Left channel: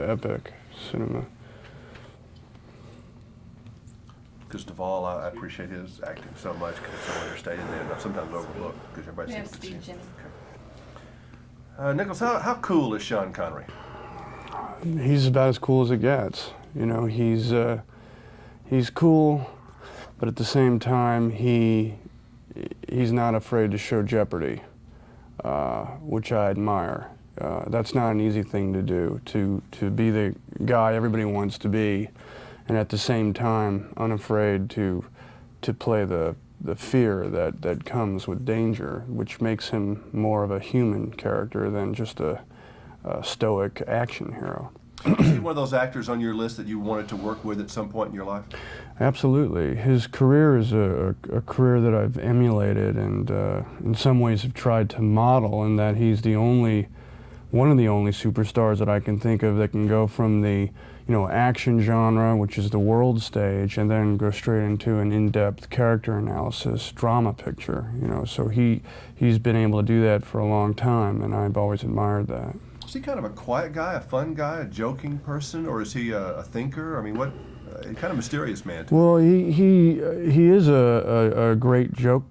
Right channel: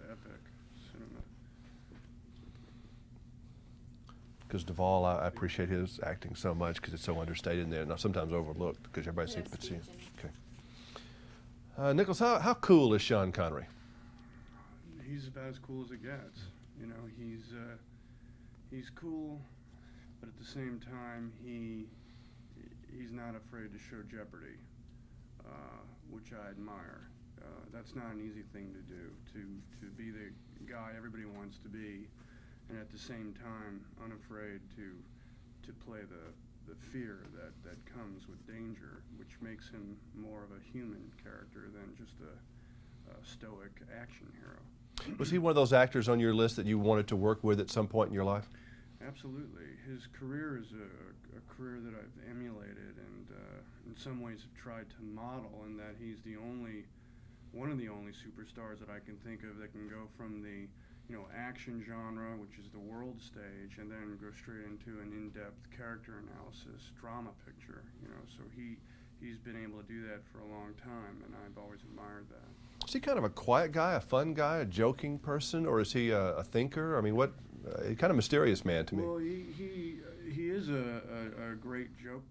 epic cinema. Because Duvall, I appreciate his acting so much because it's so understated and sometimes overlooked because everybody seems to see it. Okay. Nicholas, how cool is Sean Connery? He's about as cool as it gets. You know, he's cool, but at the same time, he's not afraid to show jeopardy, which I admire. That's not an easy thing to do, to be the guy everybody wants to be, and at the same time unafraid to play the fear that comes with danger, which makes him more of a human character than just a stoic action hero. Is he one of those actors on your list that you wanted to work with at some point in your life? Absolutely. His career is a career that I've emulated and in some ways have tried to model, in that he's one of the only superstars that I can think of that can go from the action genre, which is the world stage, and then go straight into an in-depth character analysis drama picture. So he's been able to do that for a long time, and I've always admired that. Is he kind of a quiet guy, a fun guy, a joking person, or is he a thinker? I mean, what kind of mysterious man? Well, he is a great joke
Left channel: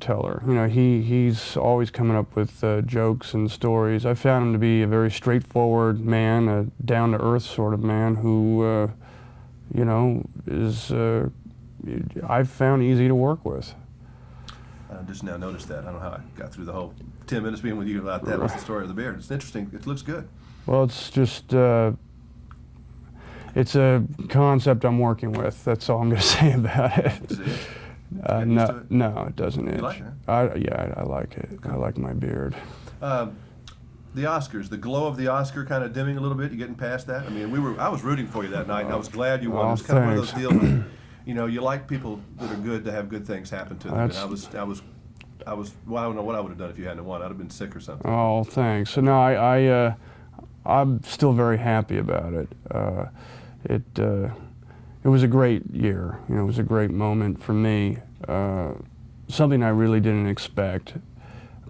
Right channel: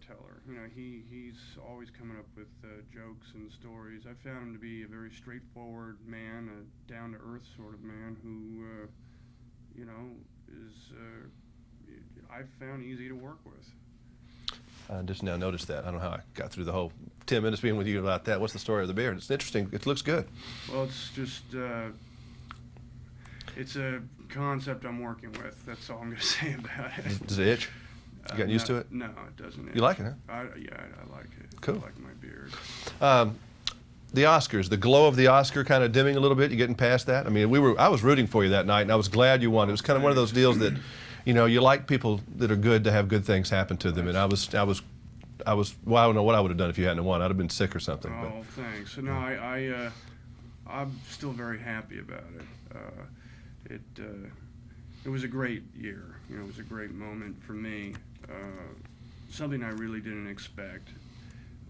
teller. He's always coming up with jokes and stories. I found him to be a very straightforward man, a down-to-earth sort of man who, is I've found easy to work with. I just now noticed that. I don't know how I got through the whole 10 minutes being with you about that. What's the story of the beard? It's interesting. It looks good. Well, it's just, it's a concept I'm working with. That's all I'm going to say about it. Does it itch? You get used to it? No, it doesn't itch. You like it, huh? Yeah, I like it. Cool. I like my beard. The Oscars, the glow of the Oscar kind of dimming a little bit. You getting past that? I mean, I was rooting for you that night, and I was glad you won. It was kind of one of those deals that, you like people that are good to have good things happen to them. And I don't know what I would have done if you hadn't won. I'd have been sick or something. Oh, thanks. So no, I'm still very happy about it. It was a great year. It was a great moment for me. Something I really didn't expect.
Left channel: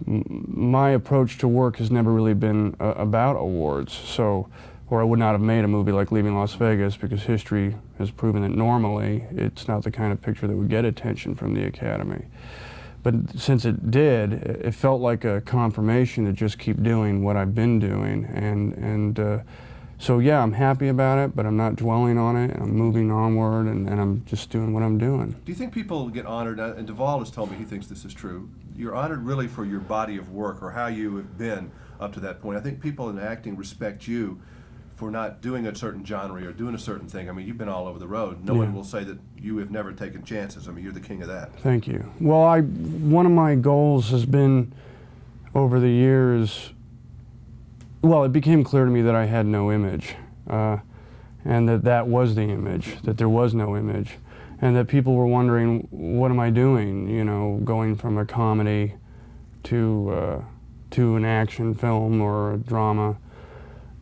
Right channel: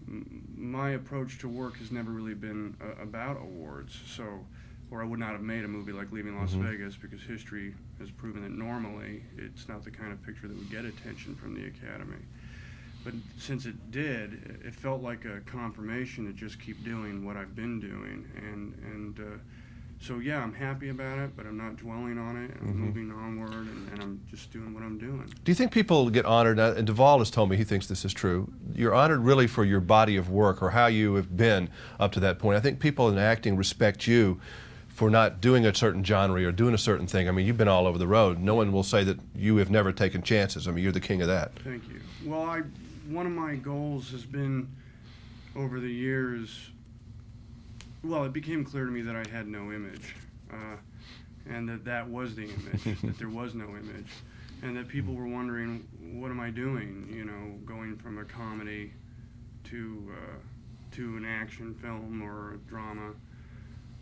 My approach to work has never really been about awards, or I would not have made a movie like Leaving Las Vegas, because history has proven that normally it's not the kind of picture that would get attention from the Academy. But since it did, it felt like a confirmation to just keep doing what I've been doing, and so yeah, I'm happy about it, but I'm not dwelling on it. I'm moving onward, and I'm just doing what I'm doing. Do you think people get honored, and Duvall has told me he thinks this is true, you're honored really for your body of work or how you have been up to that point? I think people in acting respect you for not doing a certain genre or doing a certain thing. I mean, you've been all over the road. No one will say that you have never taken chances. I mean, you're the king of that. Thank you. Well, one of my goals has been, over the years, well, it became clear to me that I had no image, and that was the image, that there was no image, and that people were wondering, what am I doing, going from a comedy to an action film or a drama.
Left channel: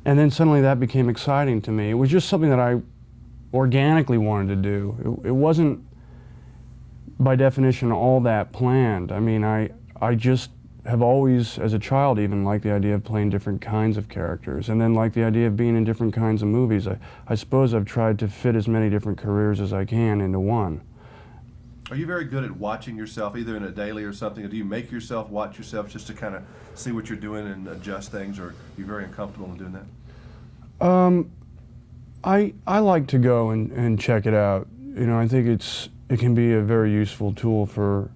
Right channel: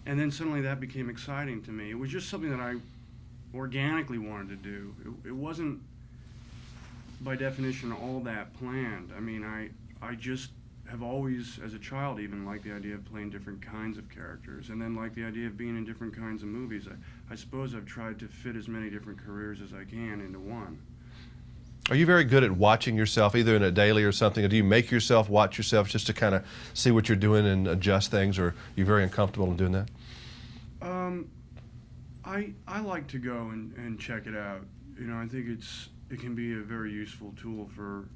And then suddenly that became exciting to me. It was just something that I organically wanted to do. It wasn't, by definition, all that planned. I mean, I just have always, as a child even, liked the idea of playing different kinds of characters, and then liked the idea of being in different kinds of movies. I suppose I've tried to fit as many different careers as I can into one. Are you very good at watching yourself, either in a daily or something, or do you make yourself watch yourself just to kind of see what you're doing and adjust things, or are you very uncomfortable in doing that? I like to go and check it out. I think it can be a very useful tool for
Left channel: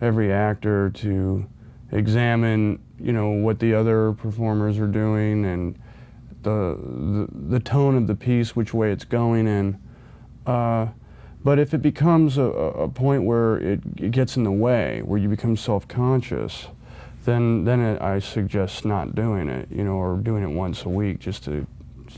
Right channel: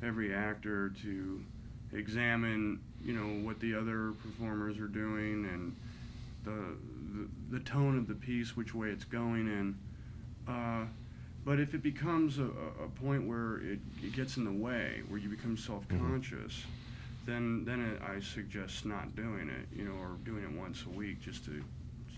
every actor to examine, what the other performers are doing, and the tone of the piece, which way it's going in. But if it becomes a point where it gets in the way, where you become self-conscious, then I suggest not doing it, or doing it once a week just to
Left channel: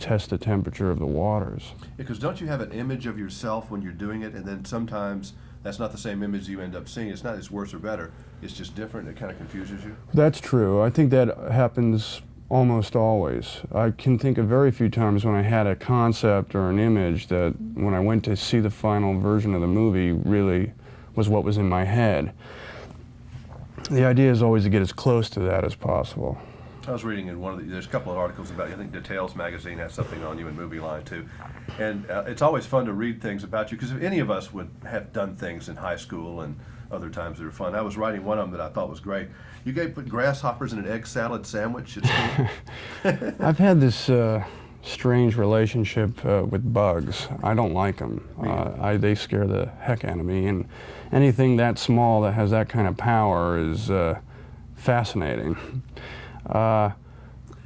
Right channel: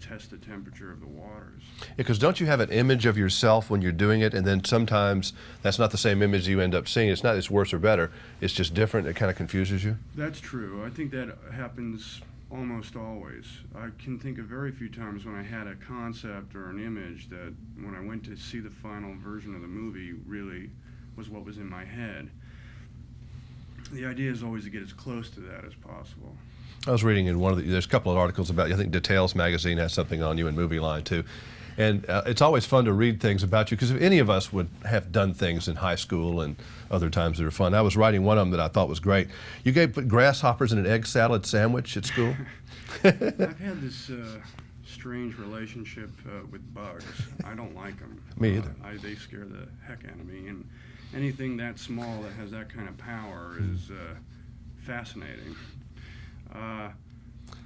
test the temperature of the waters. Because don't you have an image of yourself when you're doing it, and then sometimes that's not the same image you end up seeing? It's not it's worse or better, it's just different. It kind of confuses you? That's true. I think that happens almost always. I can think of very few times when I had a concept or an image that when I went to see the final version of the movie really was what was in my head. The idea is always to get as close to that as possible. I was reading in one of there's a couple of articles about you. I think Details magazine has something on you in Movie Line too. And it's always fun to read things about you, because if any of us would have done things in high school and other times that are fun. I was writing one of them that I thought was great. You put grasshoppers in an egg salad sandwich at school? I've had this strange relationship with bugs. I don't like them. They scare the heck out of me, and anything that small that has that kind of power is fascinating.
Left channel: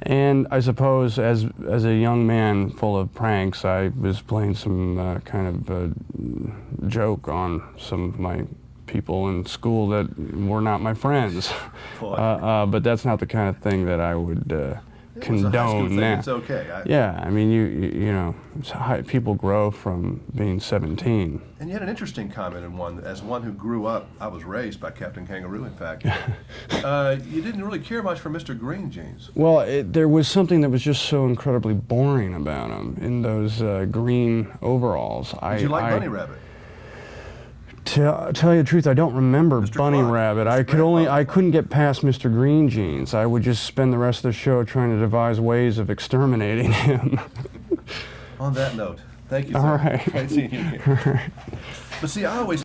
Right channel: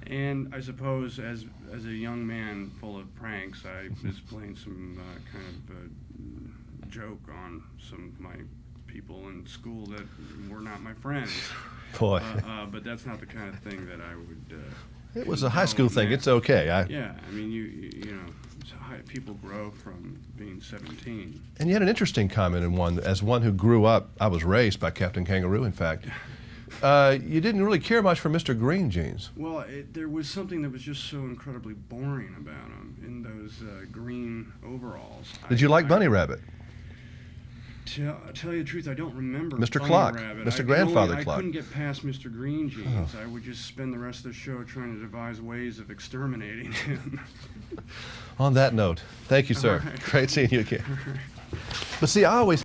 And I suppose as a young man full of pranks, I was playing some kind of joke on some of my people in school that were not my friends. But that's not the kind of thing that I would condone. It was a high school thing. It's okay. Yeah, I mean, you know, people grow from being 17. And you had an interesting comment in one. As one who grew up, I was raised by Captain Kangaroo, in fact. You didn't really care much for Mr. Green Jeans. Well, there was something that was just so incredibly boring about him in those green overalls. Did you like Bunny Rabbit? To tell you the truth, I don't remember Mr. Bunny Clock, Rabbit. Mr. I couldn't get past Mr. Green Jeans. I would just spend the rest of the show trying to devise ways of exterminating him. On that note, thank you, sir. All right. Great seeing you again. But see, I always